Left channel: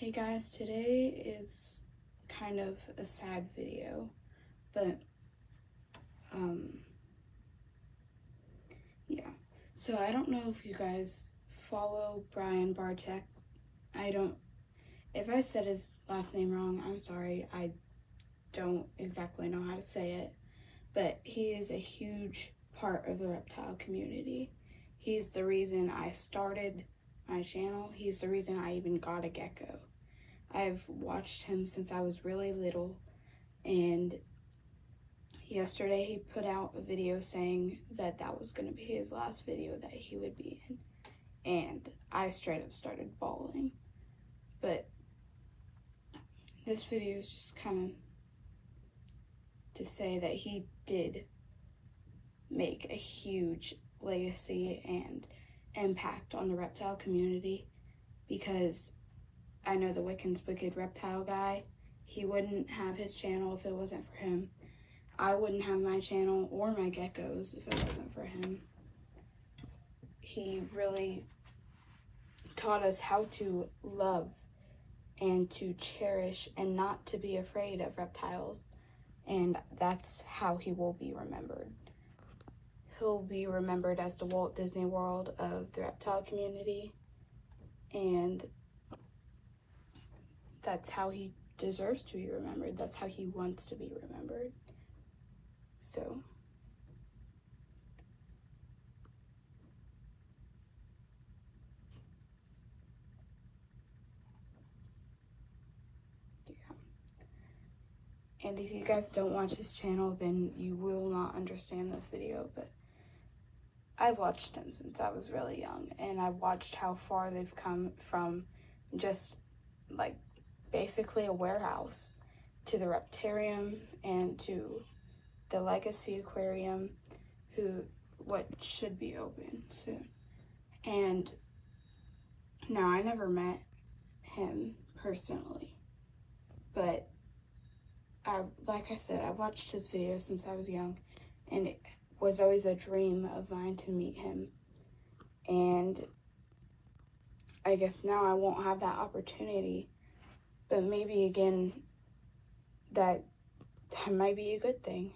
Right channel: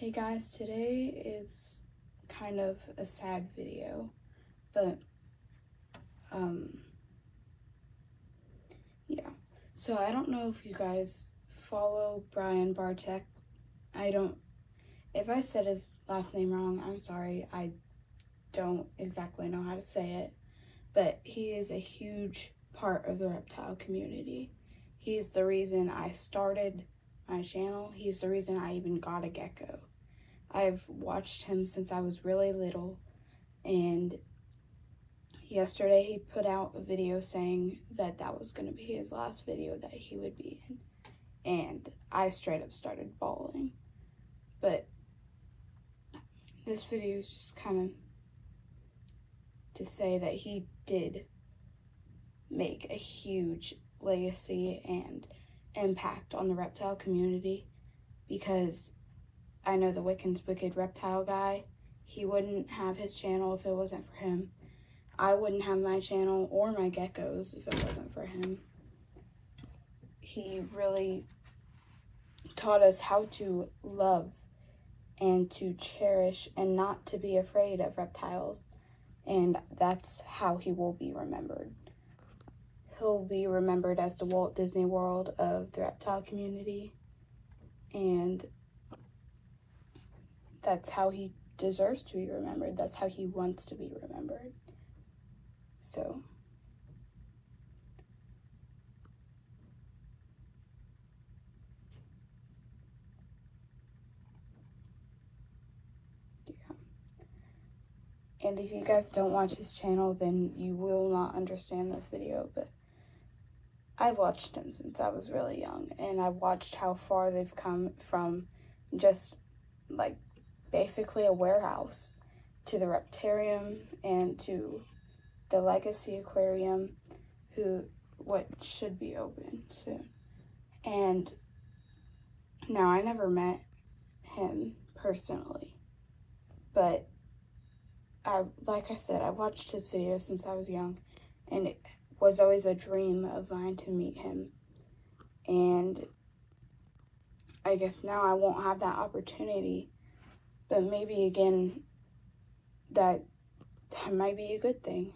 Hey guys, today is kind of a sad video, but yeah. So I don't know if you guys follow Brian Barczyk. If I said his last name wrong, I'm sorry. I don't exactly know how to say it, but he is a huge part of the reptile community. He's the reason I started my channel. He's the reason I even got a gecko. I've watched him since I was really little, and yesterday he put out a video saying that that was going to be his last video that he would be in, and I straight up started bawling. But this video is just kind of to say that he did make a huge legacy and impact on the reptile community, because I know the Wiccan's Wicked Reptile guy, he wouldn't have his channel if it wasn't for him. I wouldn't have my channel or my geckos if it wasn't for him. He really taught us how to love and to cherish and not to be afraid of reptiles, and that's how he will be remembered. He'll be remembered as the Walt Disney World of the reptile community, and that's how he deserves to be remembered. That's how he wants to be remembered. So, yeah. And if you guys don't watch his channel, then you will not understand this video, but I've watched him since I was really young, and I've watched how far they've come from just, like, basically a warehouse to the Reptarium and to the Legacy Aquarium, what should be open soon. And now, I never met him personally, but like I said, I've watched his videos since I was young, and it was always a dream of mine to meet him. And I guess now I won't have that opportunity, but maybe again, that might be a good thing.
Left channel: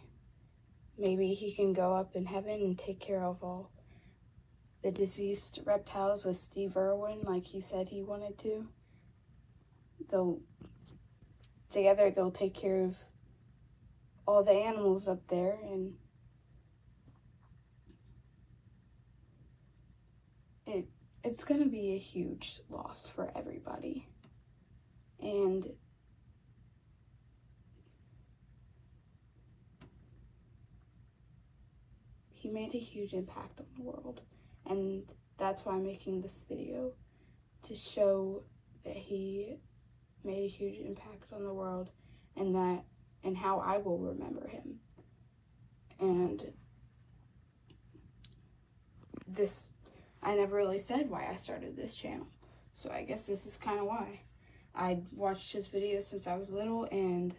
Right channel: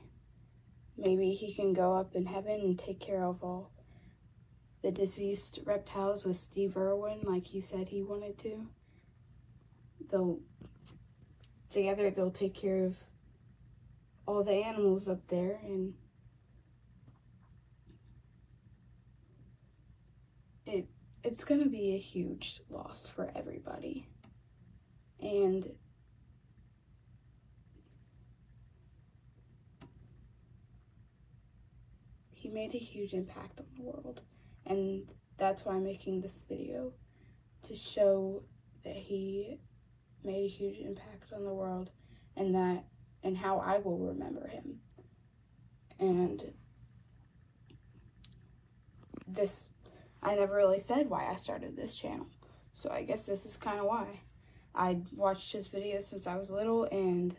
Maybe he can go up in heaven and take care of all the deceased reptiles with Steve Irwin, like he said he wanted to. Together they'll take care of all the animals up there, and it's gonna be a huge loss for everybody. And he made a huge impact on the world, and that's why I'm making this video, to show that he made a huge impact on the world, and how I will remember him. And I never really said why I started this channel, so I guess this is kind of why. I watched his videos since I was little, and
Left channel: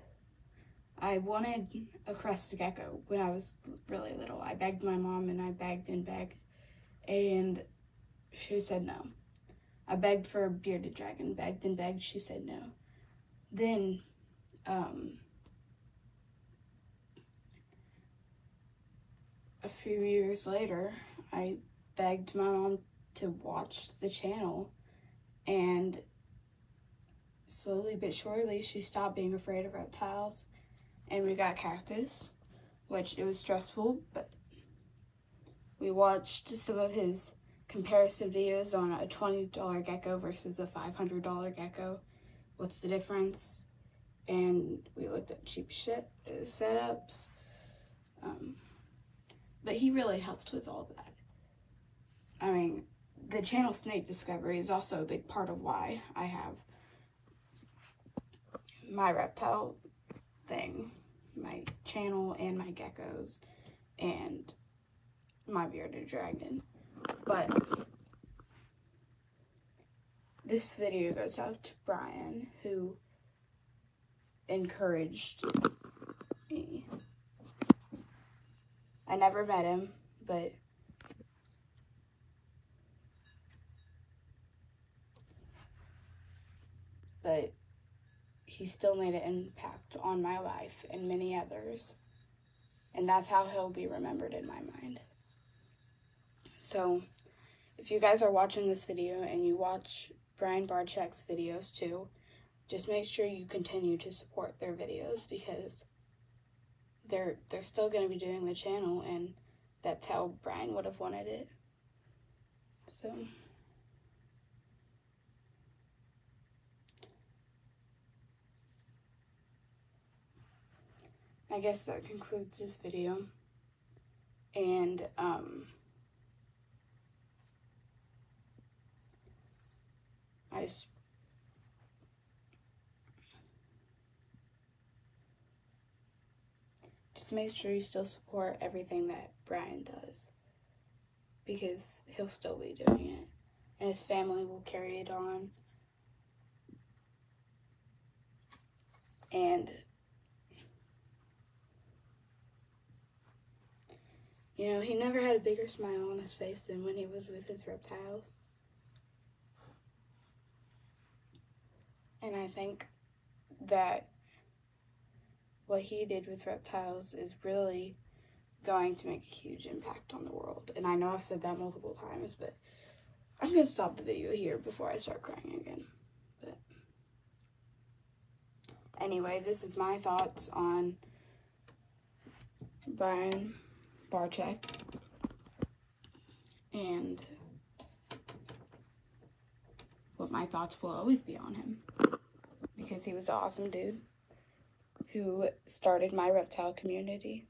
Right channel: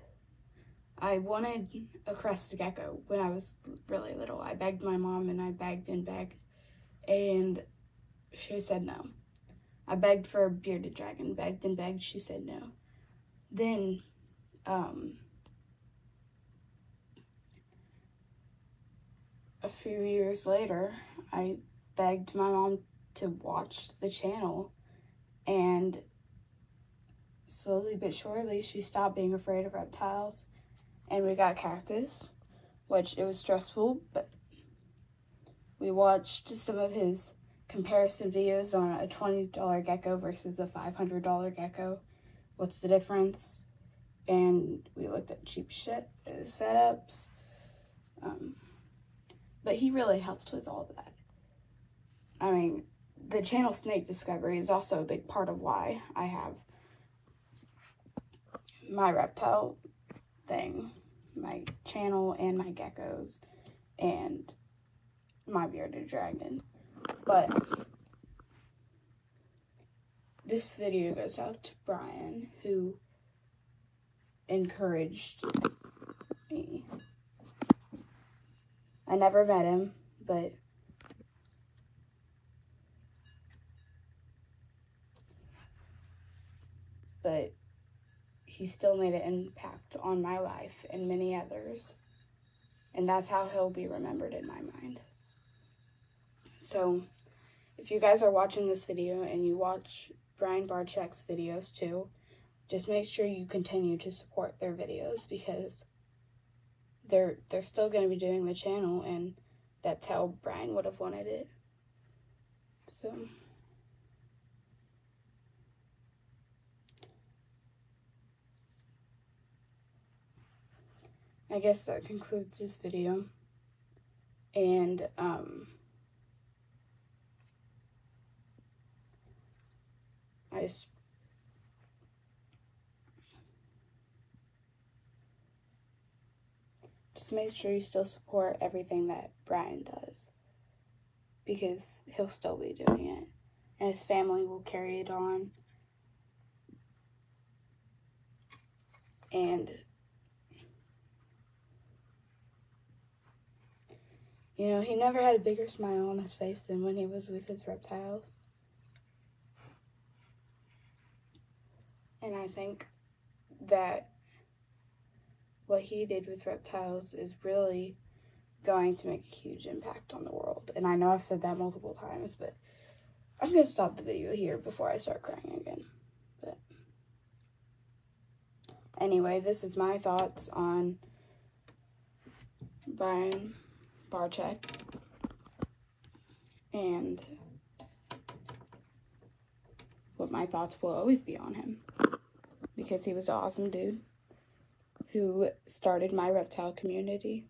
I wanted a crested gecko when I was really little. I begged my mom, and I begged and begged, and she said no. I begged for a bearded dragon, begged and begged, she said no. Then, a few years later, I begged my mom to watch the channel, and slowly but surely she stopped being afraid of reptiles, and we got Cactus, which it was stressful, but we watched some of his comparison videos on a $20 gecko versus a $500 gecko. What's the difference? And we looked at cheap shit setups. But he really helped with all of that. I mean, the channel Snake Discovery is also a big part of why I have my reptile thing, my channel and my geckos and my bearded dragon. But this video goes out to Brian, who encouraged me. I never met him, but but he still made an impact on my life and many others. And that's how he'll be remembered in my mind. So, if you guys are watching this video and you watch Brian Barczyk's videos too, just make sure you continue to support their videos, because they're still going to be doing the channel, and that's how Brian would have wanted it. So, I guess that concludes this video. And I just make sure you still support everything that Brian does, because he'll still be doing it, and his family will carry it on. And you know, he never had a bigger smile on his face than when he was with his reptiles. And I think that what he did with reptiles is really going to make a huge impact on the world. And I know I've said that multiple times, but I'm going to stop the video here before I start crying again. But anyway, this is my thoughts on Brian Barczyk, and what my thoughts will always be on him, because he was an awesome dude who started my reptile community.